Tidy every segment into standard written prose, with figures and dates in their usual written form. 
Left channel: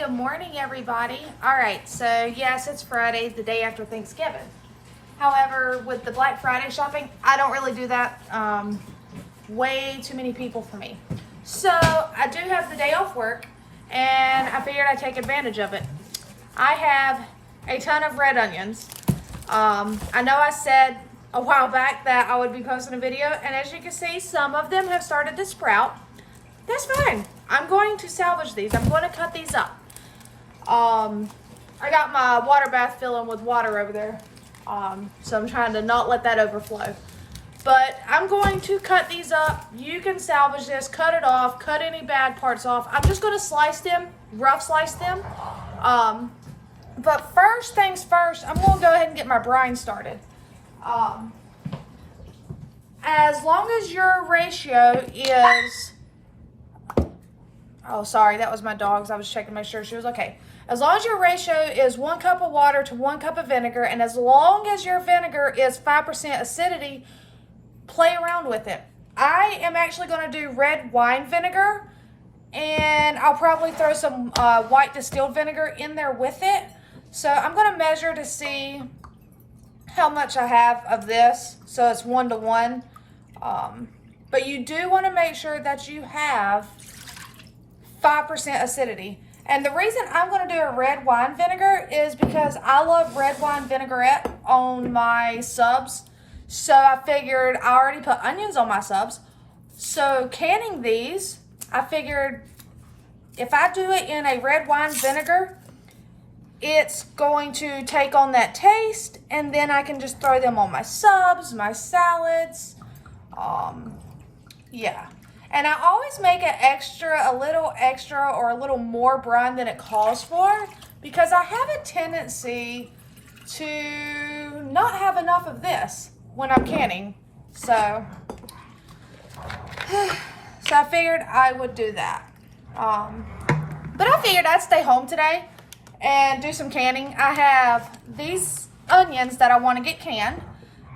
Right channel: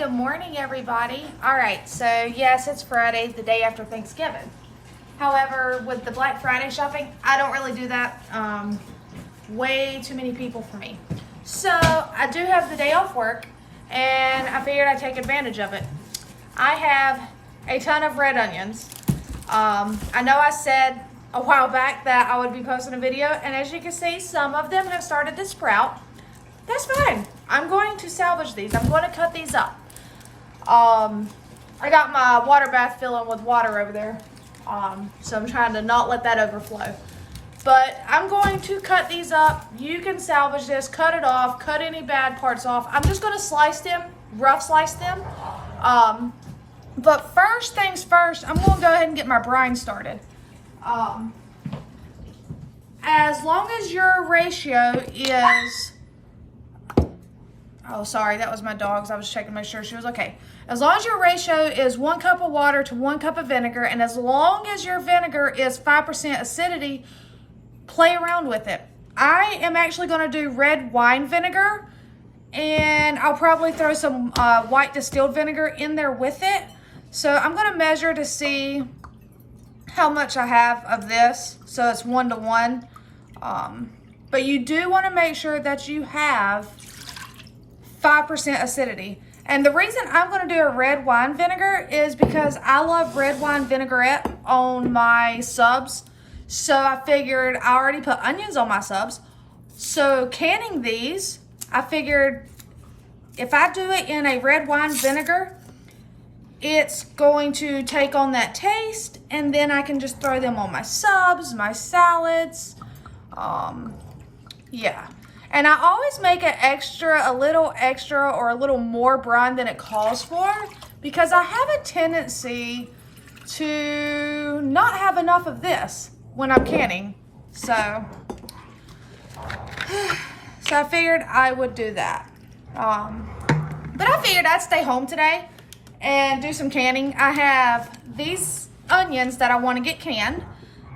good morning, everybody. All right, so yes, it's Friday, the day after Thanksgiving. However, with the Black Friday shopping, I don't really do that. Way too many people for me. So I do have the day off work, and I figured I'd take advantage of it. I have a ton of red onions. I know I said a while back that I would be posting a video, and as you can see, some of them have started to sprout. That's fine. I'm going to salvage these. I'm going to cut these up. I got my water bath filling with water over there. So I'm trying to not let that overflow. But I'm going to cut these up. You can salvage this, cut it off, cut any bad parts off. I'm just going to slice them, rough slice them. But first things first, I'm going to go ahead and get my brine started. As long as your ratio is... Oh, sorry, that was my dog's. I was checking to make sure she was okay. As long as your ratio is 1 cup of water to 1 cup of vinegar, and as long as your vinegar is 5% acidity, play around with it. I am actually going to do red wine vinegar, and I'll probably throw some white distilled vinegar in there with it. So I'm going to measure to see how much I have of this, so it's 1 to 1. But you do want to make sure that you have 5% acidity. And the reason I'm going to do a red wine vinegar is because I love red wine vinaigrette on my subs. So I figured I already put onions on my subs. So canning these, I figured if I do it in a red wine vinegar, it's going to take on that taste, and then I can just throw them on my subs, my salads. Yeah. And I always make it a little extra or a little more brine than it calls for, because I have a tendency to not have enough of this when I'm canning. So I figured I would do that. But I figured I'd stay home today and do some canning. I have these onions that I want to get canned,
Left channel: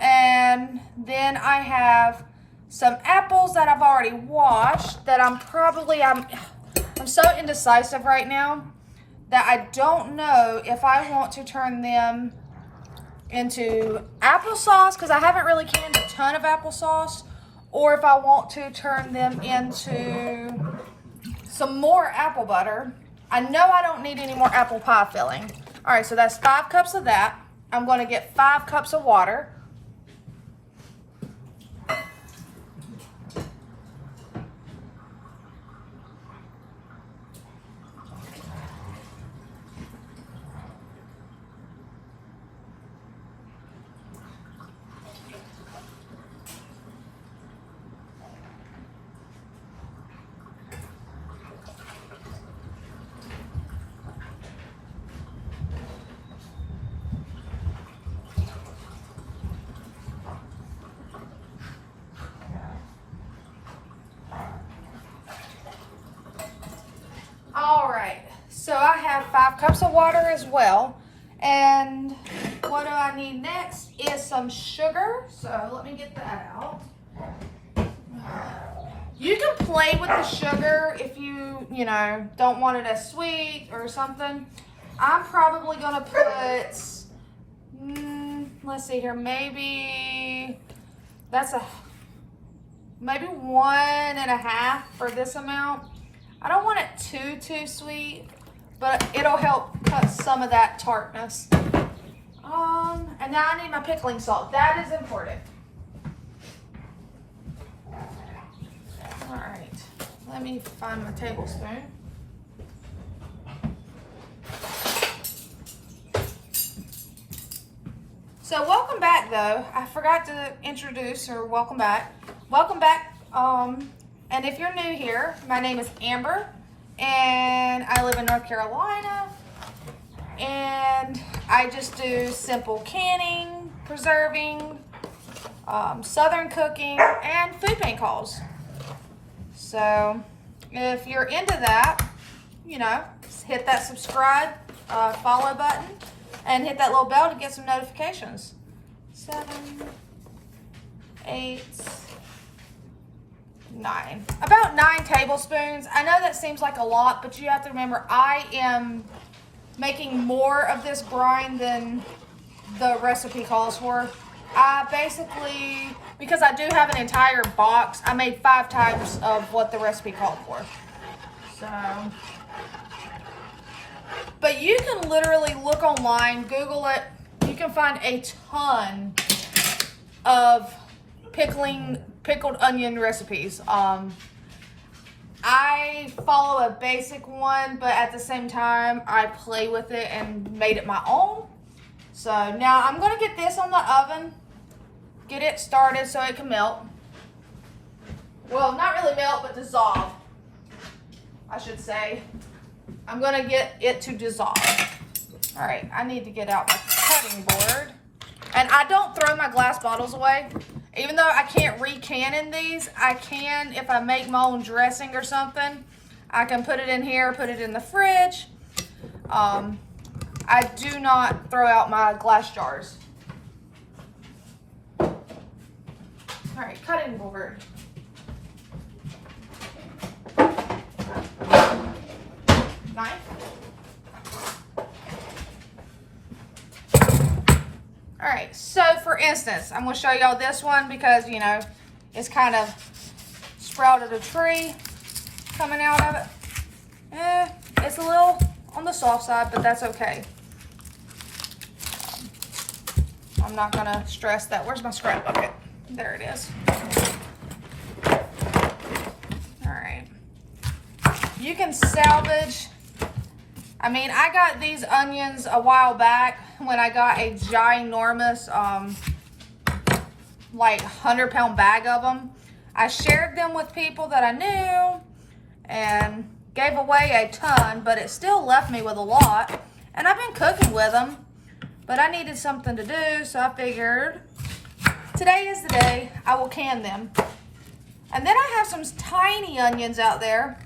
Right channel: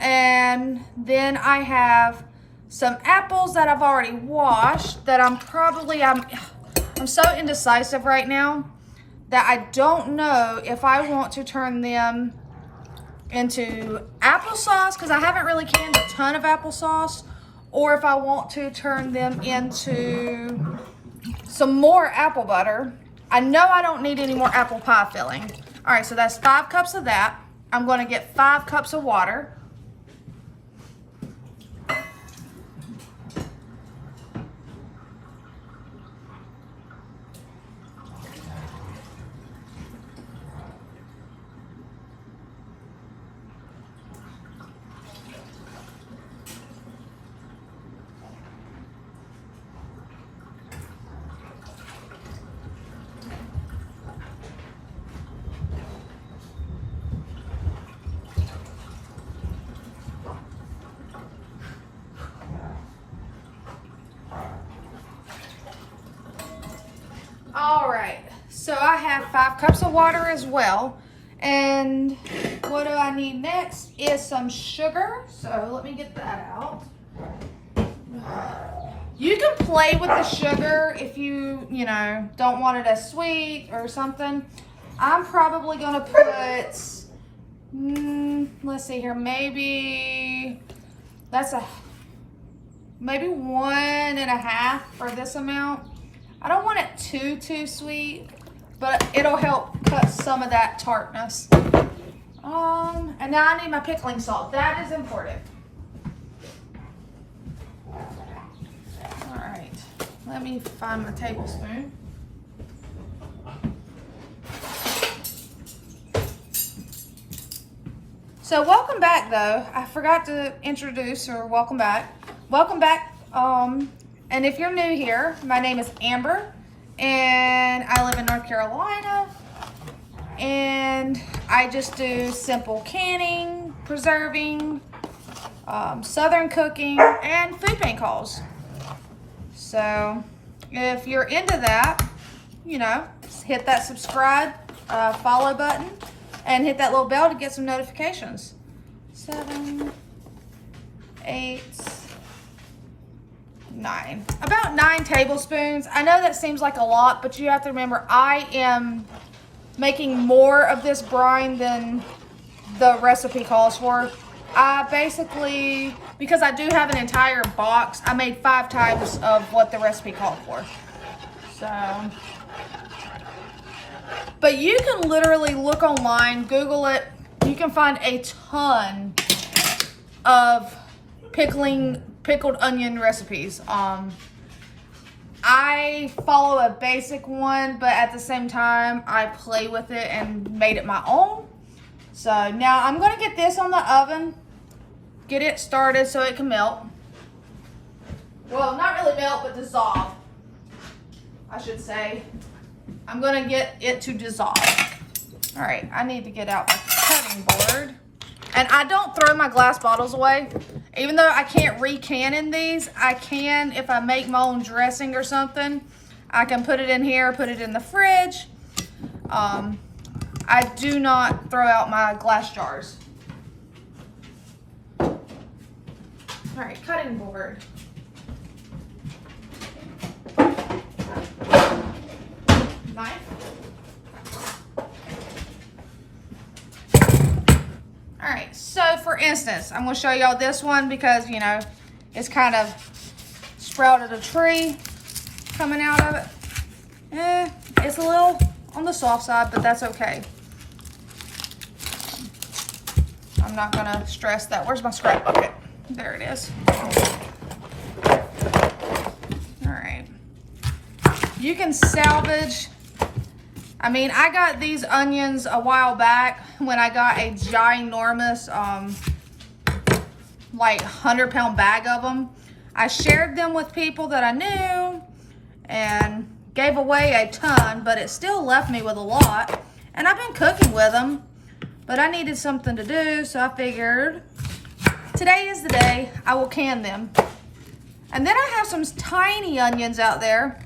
and then I have some apples that I've already washed that I'm so indecisive right now that I don't know if I want to turn them into applesauce, because I haven't really canned a ton of applesauce, or if I want to turn them into some more apple butter. I know I don't need any more apple pie filling. All right, so that's 5 cups of that. I'm going to get 5 cups of water. All right, so I have 5 cups of water as well. And what do I need next is some sugar. So let me get that out. You can play with the sugar if you don't want it as sweet or something. I'm probably gonna put, let's see here, maybe 1.5 for this amount. I don't want it too sweet, but it'll help cut some of that tartness. And now I need my pickling salt. That is important. All right, let me find my tablespoon. So welcome back, though. I forgot to introduce, or welcome back. Welcome back. And if you're new here, my name is Amber, and I live in North Carolina, and I just do simple canning, preserving, southern cooking, and food paint calls. So if you're into that, hit that subscribe, follow button, and hit that little bell to get some notifications. 7, 8, About 9 tablespoons. I know that seems like a lot, but you have to remember I am making more of this brine than the recipe calls for. I basically, because I do have an entire box, I made 5 times of what the recipe called for. So, but you can literally look online, Google it. You can find a ton of pickled onion recipes. I follow a basic one, but at the same time, I play with it and made it my own. So now I'm going to get this on the oven, get it started so it can melt. Well, not really melt, but dissolve, I should say. I'm going to get it to dissolve. All right, I need to get out my cutting board. And I don't throw my glass bottles away. Even though I can't recan these, I can, if I make my own dressing or something, I can put it in here, put it in the fridge. I do not throw out my glass jars. All right, cutting board. Knife. All right, so for instance, I'm gonna show y'all this one because, you know, it's kind of sprouted a tree coming out of it. It's a little on the soft side, but that's okay. I'm not gonna stress that. Where's my scrap bucket? There it is. All right. You can salvage. I mean, I got these onions a while back when I got a ginormous, like 100-pound bag of them. I shared them with people that I knew and gave away a ton, but it still left me with a lot. And I've been cooking with them, but I needed something to do, so I figured today is the day I will can them. And then I have some tiny onions out there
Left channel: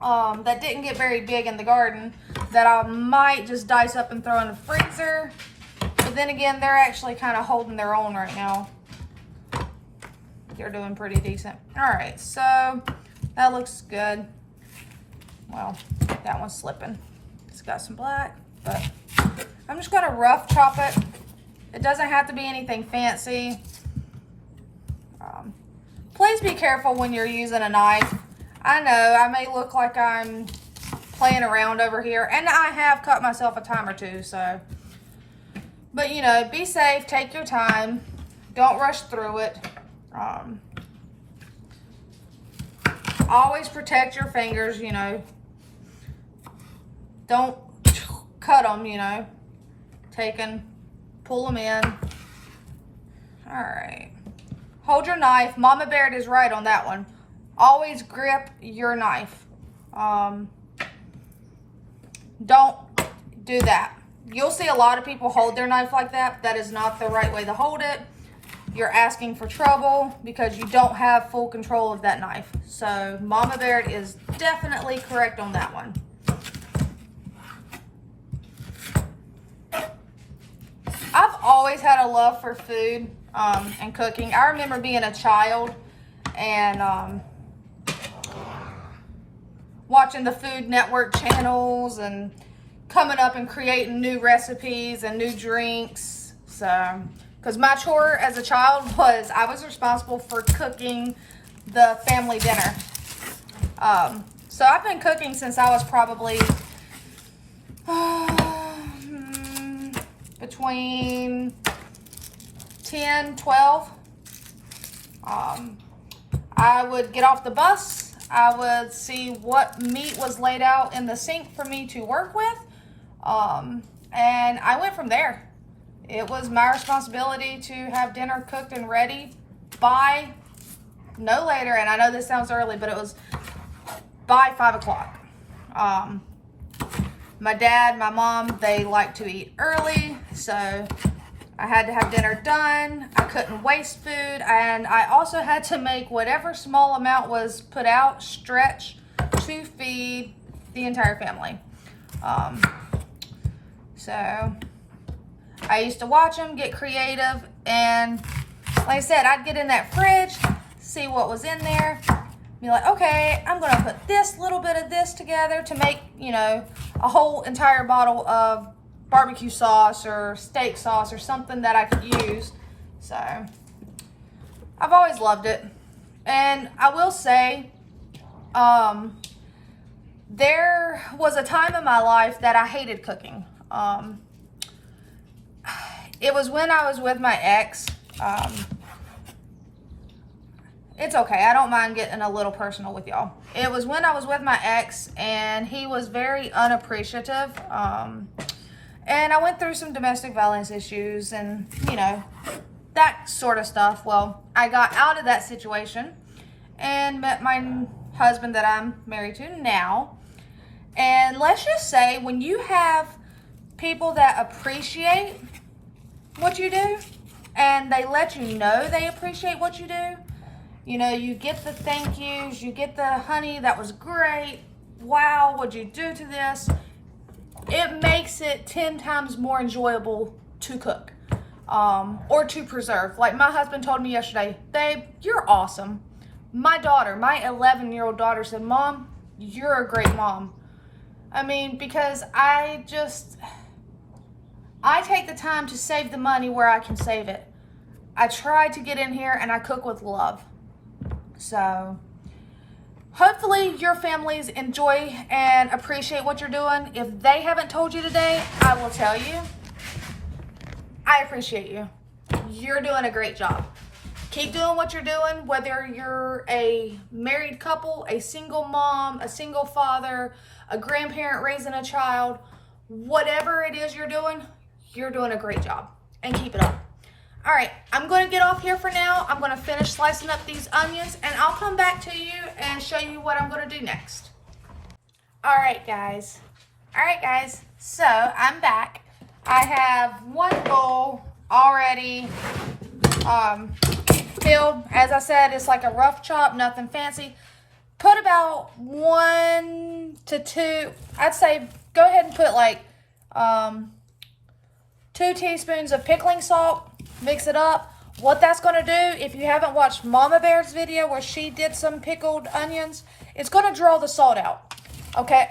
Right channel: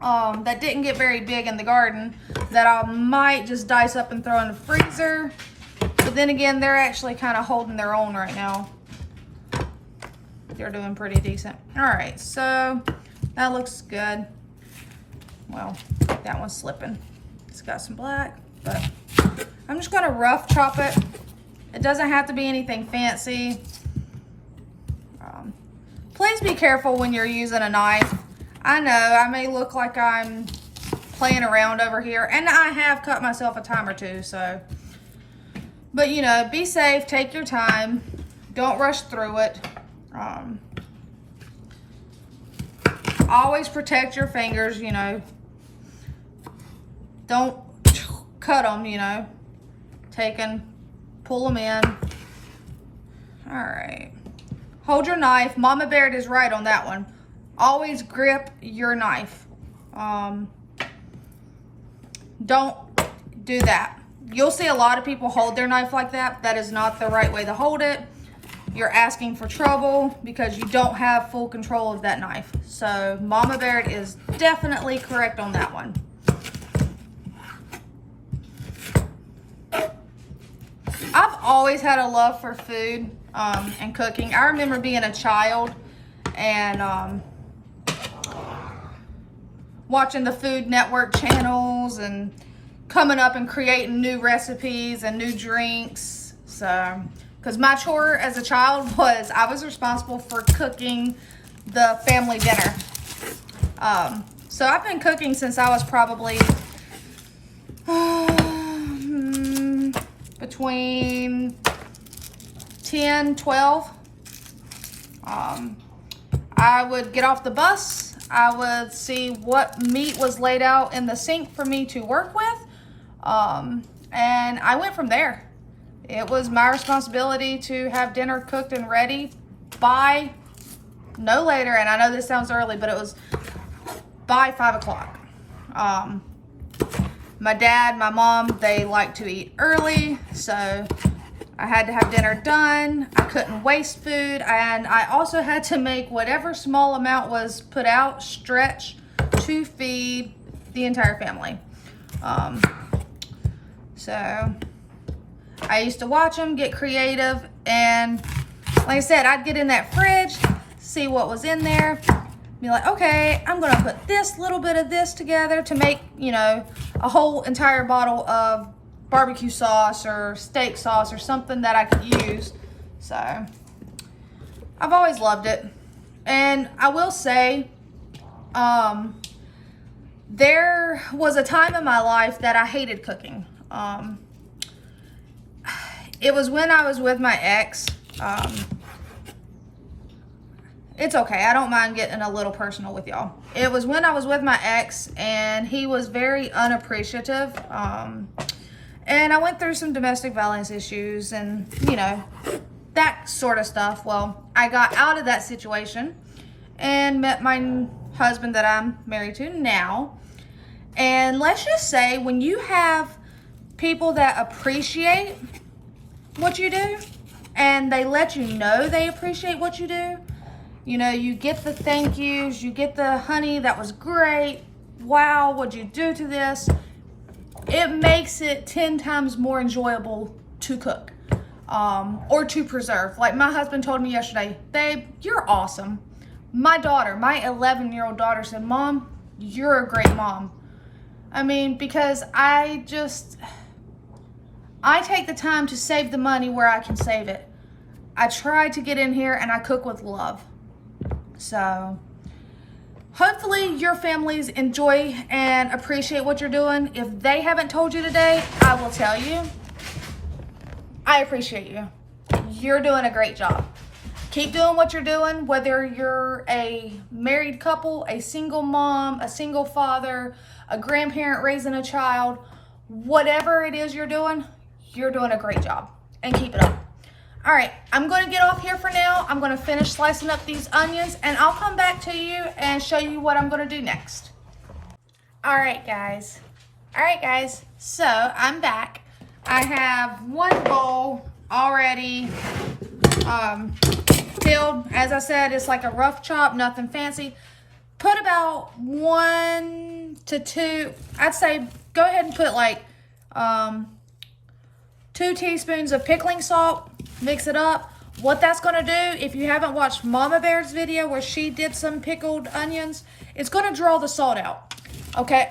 that didn't get very big in the garden that I might just dice up and throw in the freezer. But then again, they're actually kind of holding their own right now. They're doing pretty decent. All right, so that looks good. Well, that one's slipping. It's got some black, but I'm just gonna rough chop it. It doesn't have to be anything fancy. Please be careful when you're using a knife. I know I may look like I'm playing around over here, and I have cut myself a time or two, so. But you know, be safe, take your time, don't rush through it. Always protect your fingers, you know. Don't cut them, you know. Pull them in. All right. Hold your knife. Mama Bear is right on that one. Always grip your knife. Don't do that. You'll see a lot of people hold their knife like that. That is not the right way to hold it. You're asking for trouble because you don't have full control of that knife. So Mama Bear is definitely correct on that one. I've always had a love for food and cooking. I remember being a child and watching the Food Network channels and coming up and creating new recipes and new drinks. So, because my chore as a child was I was responsible for cooking the family dinner. So I've been cooking since I was probably between 10, 12. I would get off the bus. I would see what meat was laid out in the sink for me to work with. And I went from there. It was my responsibility to have dinner cooked and ready by no later, and I know this sounds early, but it was by 5 o'clock. My dad, my mom, they like to eat early, so I had to have dinner done. I couldn't waste food, and I also had to make whatever small amount was put out stretch to feed the entire family. So I used to watch them, get creative, and like I said, I'd get in that fridge, see what was in there. Be like, okay, I'm gonna put this little bit of this together to make, you know, a whole entire bottle of barbecue sauce or steak sauce or something that I could use. So I've always loved it. And I will say, there was a time in my life that I hated cooking. It was when I was with my ex. It's okay. I don't mind getting a little personal with y'all. It was when I was with my ex, and he was very unappreciative. And I went through some domestic violence issues and, you know, that sort of stuff. Well, I got out of that situation and met my husband that I'm married to now. And let's just say, when you have people that appreciate what you do and they let you know they appreciate what you do, you know, you get the thank yous, you get the honey, that was great, wow, what'd you do to this? It makes it 10 times more enjoyable to cook or to preserve. Like my husband told me yesterday, babe, you're awesome. My daughter, my 11-year-old daughter said, Mom, you're a great mom. I mean, because I take the time to save the money where I can save it. I try to get in here and I cook with love. So hopefully your families enjoy and appreciate what you're doing. If they haven't told you today, I will tell you, I appreciate you. You're doing a great job. Keep doing what you're doing, whether you're a married couple, a single mom, a single father, a grandparent raising a child, whatever it is you're doing a great job, and keep it up. All right, I'm going to get off here for now. I'm going to finish slicing up these onions, and I'll come back to you and show you what I'm going to do next. All right, guys. So I'm back. I have one bowl already filled. As I said, it's like a rough chop, nothing fancy. Put about 1 to 2, I'd say go ahead and put like 2 teaspoons of pickling salt. Mix it up. What that's going to do, if you haven't watched Mama Bear's video where she did some pickled onions, it's going to draw the salt out. Okay,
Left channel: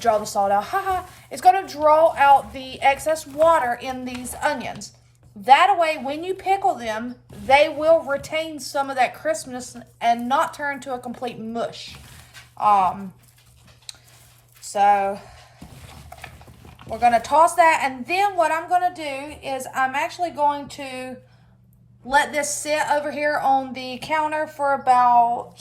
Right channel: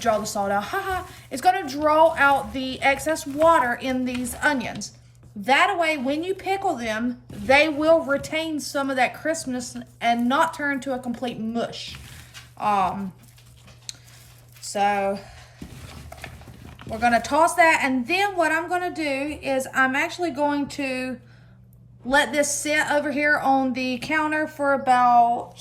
draw the salt out. Haha. It's going to draw out the excess water in these onions. That way, when you pickle them, they will retain some of that crispness and not turn to a complete mush. So we're going to toss that, and then what I'm going to do is I'm actually going to let this sit over here on the counter for about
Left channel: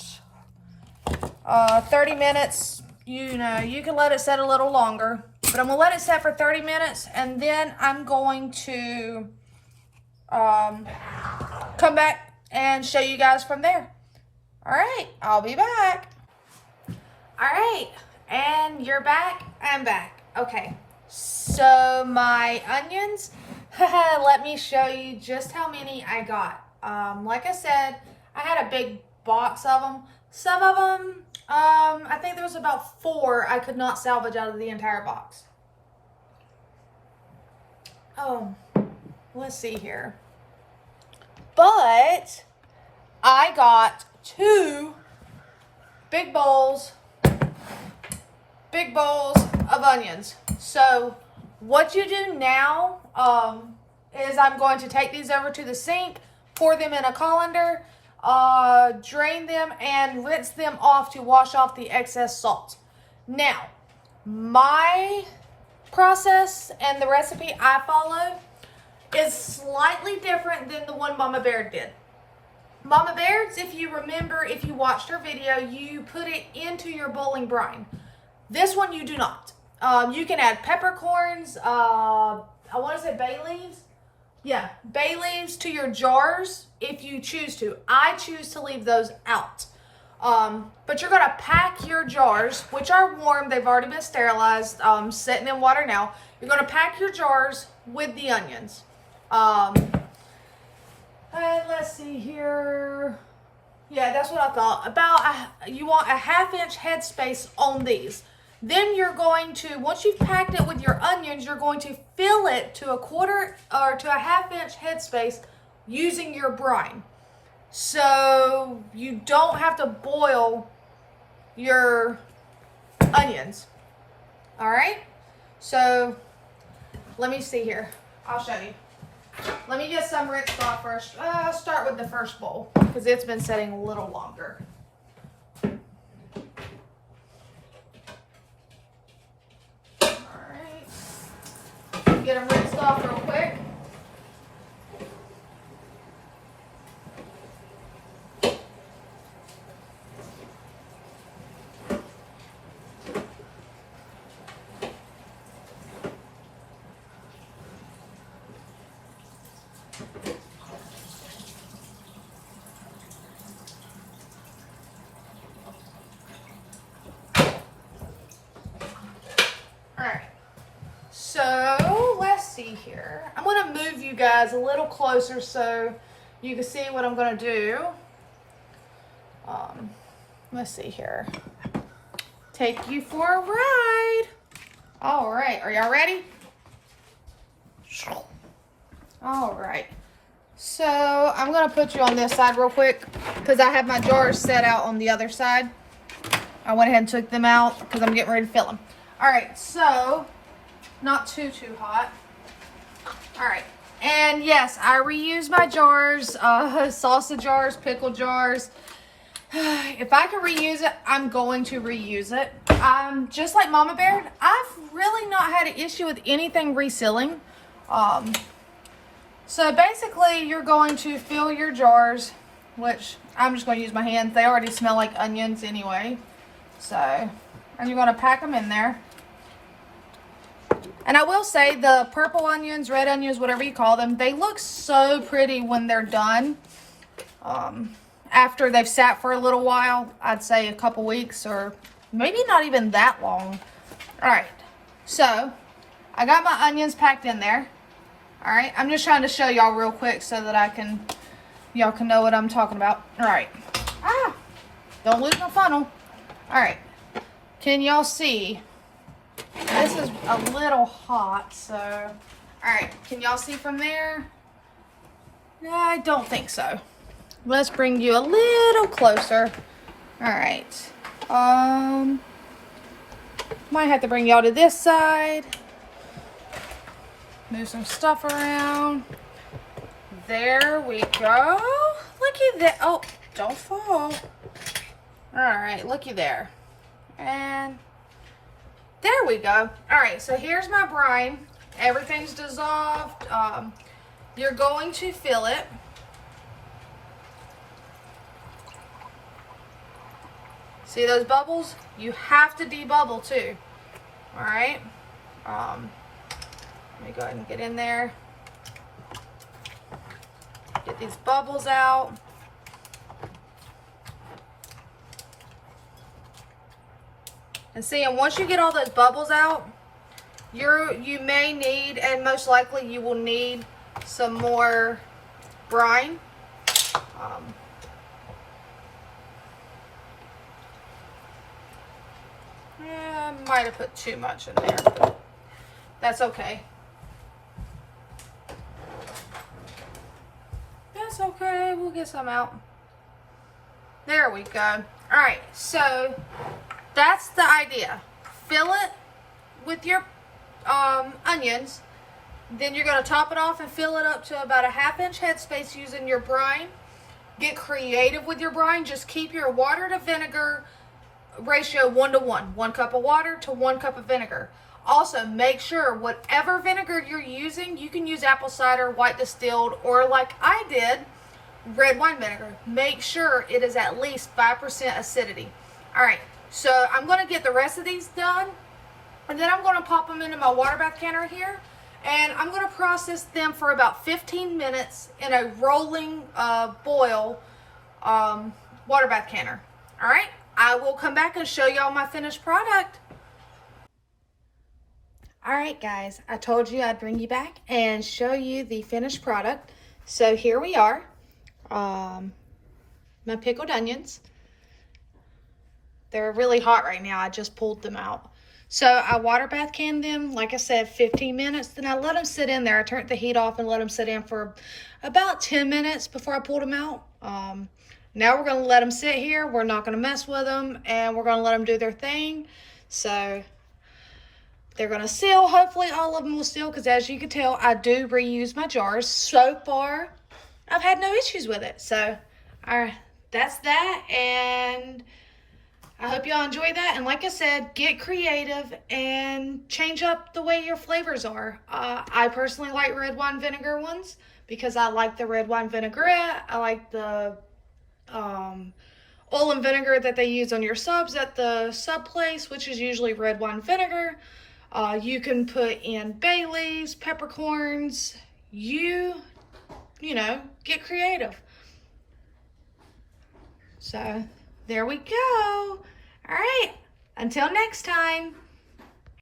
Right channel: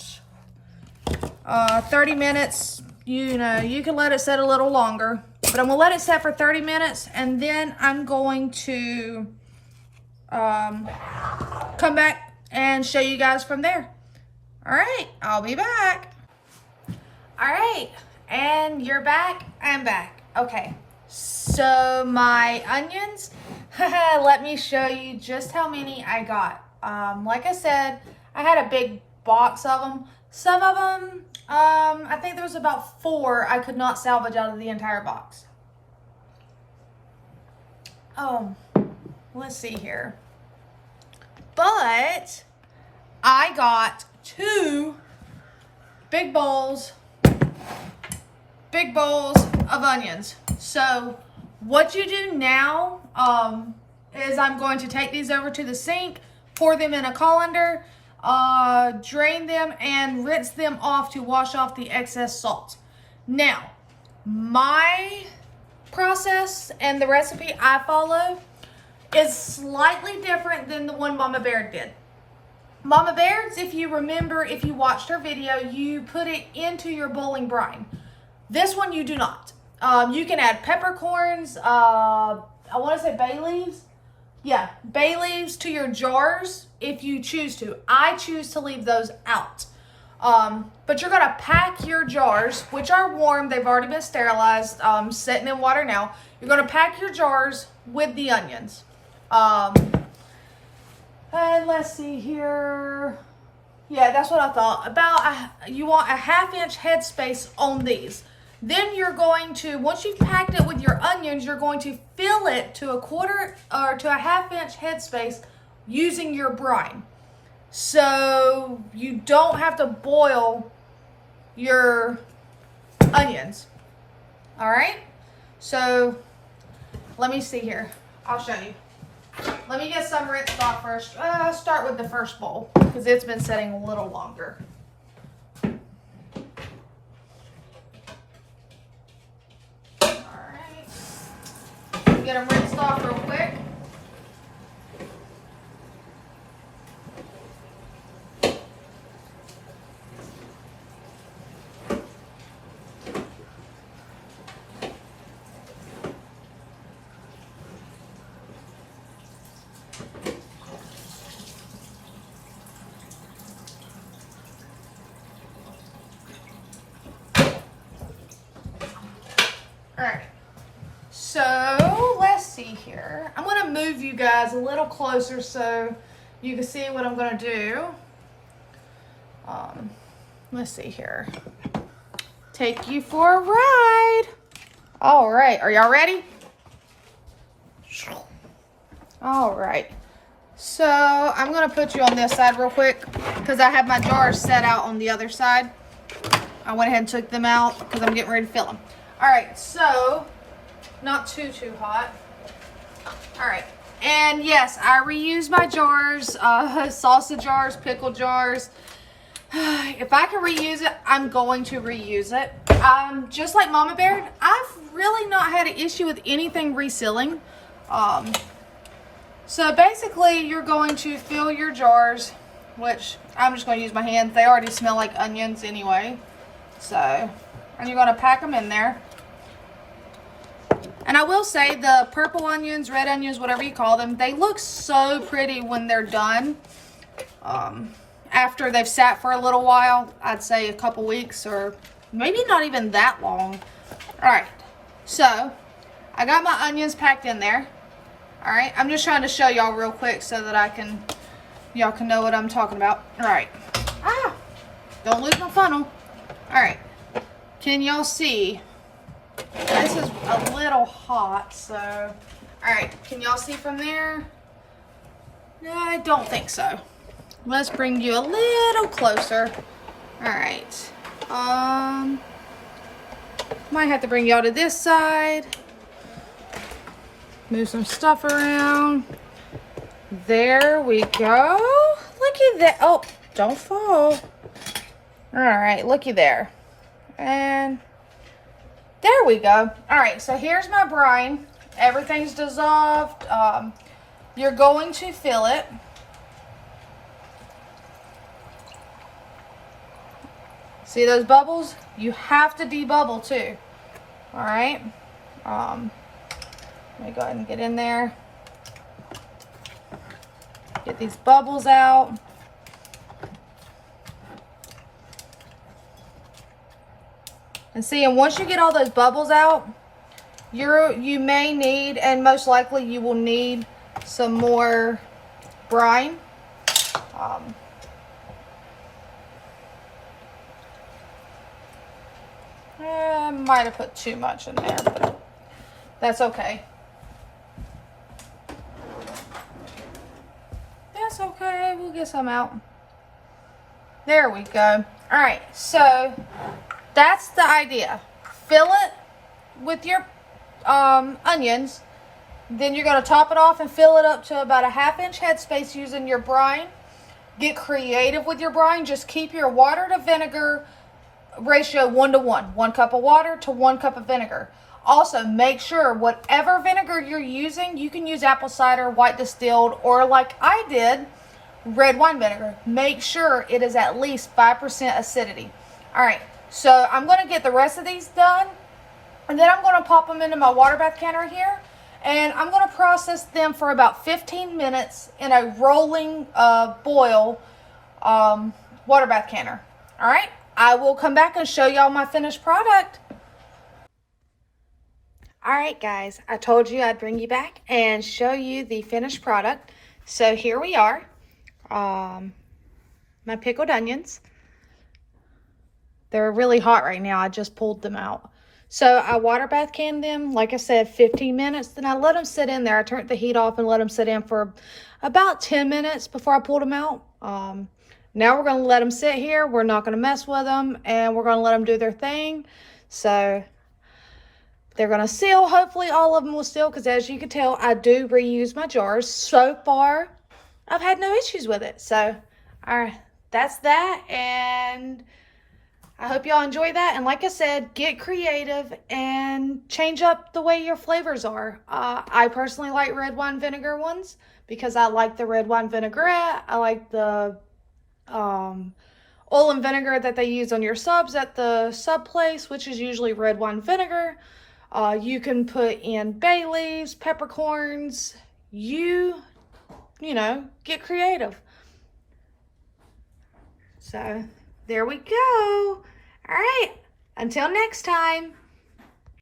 30 minutes. You know, you can let it set a little longer, but I'm going to let it set for 30 minutes, and then I'm going to come back and show you guys from there. All right, I'll be back. All right, and you're back. I'm back. Okay. So my onions, let me show you just how many I got. Like I said, I had a big box of them. Some of them, I think there was about 4 I could not salvage out of the entire box. Let's see here. But I got 2 big bowls of onions. So what you do now is I'm going to take these over to the sink, pour them in a colander, drain them, and rinse them off to wash off the excess salt. Now, my process and the recipe I follow is slightly different than the one Mama Bear did. Mama Bear's, if you remember, if you watched her video, you put it into your boiling brine. This one you do not. You can add peppercorns, I want to say bay leaves. Yeah, bay leaves to your jars if you choose to. I choose to leave those out. But you're going to pack your jars, which are warm. They've already been sterilized, sitting in water now. You're going to pack your jars with the onions. And let's see here. Yeah, that's what I thought. You want a 1/2 inch headspace on these. Then you're going to, once you've packed it with your onions, you're going to fill it to a 1/4 or to a 1/2 inch headspace using your brine. So you don't have to boil your onions. All right, so let me see here. I'll show you. Let me get some rinsed off first. I'll start with the first bowl because it's been setting a little longer. All right, get them rinsed off real quick. All right, so let's see here. I'm gonna move you guys a little closer so you can see what I'm gonna do. Let's see here. Take you for a ride. All right, are y'all ready? All right, so I'm gonna put you on this side real quick because I have my jars set out on the other side. I went ahead and took them out because I'm getting ready to fill them. All right, so not too hot. All right, and yes, I reuse my jars, salsa jars, pickle jars. If I can reuse it, I'm going to reuse it. Just like Mama Bear, I've really not had an issue with anything resealing. So basically, you're going to fill your jars, which I'm just going to use my hands. They already smell like onions anyway. So, and you're going to pack them in there. And I will say the purple onions, red onions, whatever you call them, they look so pretty when they're done. After they've sat for a little while, I'd say a couple weeks or maybe not even that long. All right, so I got my onions packed in there. All right, I'm just trying to show y'all real quick so that y'all can know what I'm talking about. All right, don't lose my funnel. All right, can y'all see? This is a little hot, so, all right, can y'all see from there? No, I don't think so. Let's bring you a little closer. All right, might have to bring y'all to this side. Move some stuff around. There we go. Looky there. Oh, don't fall. All right, looky there. And there we go. All right, so here's my brine. Everything's dissolved. You're going to fill it. See those bubbles? You have to debubble too. All right. Let me go ahead and get in there. Get these bubbles out. And see, and once you get all those bubbles out, you may need, and most likely you will need, some more brine. I might have put too much in there, but that's okay. That's okay, we'll get some out. There we go. All right, so that's the idea. Fill it with your onions. Then you're going to top it off and fill it up to about a 1/2 inch headspace using your brine. Get creative with your brine. Just keep your water to vinegar ratio 1-to-1. 1 cup of water to 1 cup of vinegar. Also, make sure whatever vinegar you're using, you can use apple cider, white distilled, or like I did, red wine vinegar. Make sure it is at least 5% acidity. All right, so I'm going to get the rest of these done, and then I'm going to pop them into my water bath canner here, and I'm going to process them for about 15 minutes in a rolling boil water bath canner. All right, I will come back and show y'all my finished product. All right, guys, I told you I'd bring you back and show you the finished product. So here we are, my pickled onions. They're really hot right now. I just pulled them out. So I water bath canned them, like I said, 15 minutes. Then I let them sit in there. I turned the heat off and let them sit in for about 10 minutes before I pulled them out. Now we're going to let them sit here. We're not going to mess with them, and we're going to let them do their thing. So they're going to seal. Hopefully all of them will seal, because as you can tell, I do reuse my jars. So far, I've had no issues with it. So, all right, that's that. And I hope y'all enjoy that. And like I said, get creative and change up the way your flavors are. I personally like red wine vinegar ones because I like the red wine vinaigrette. I like the oil and vinegar that they use on your subs at the sub place, which is usually red wine vinegar. You can put in Baileys, peppercorns. You know, get creative. So there we go. All right, until next time.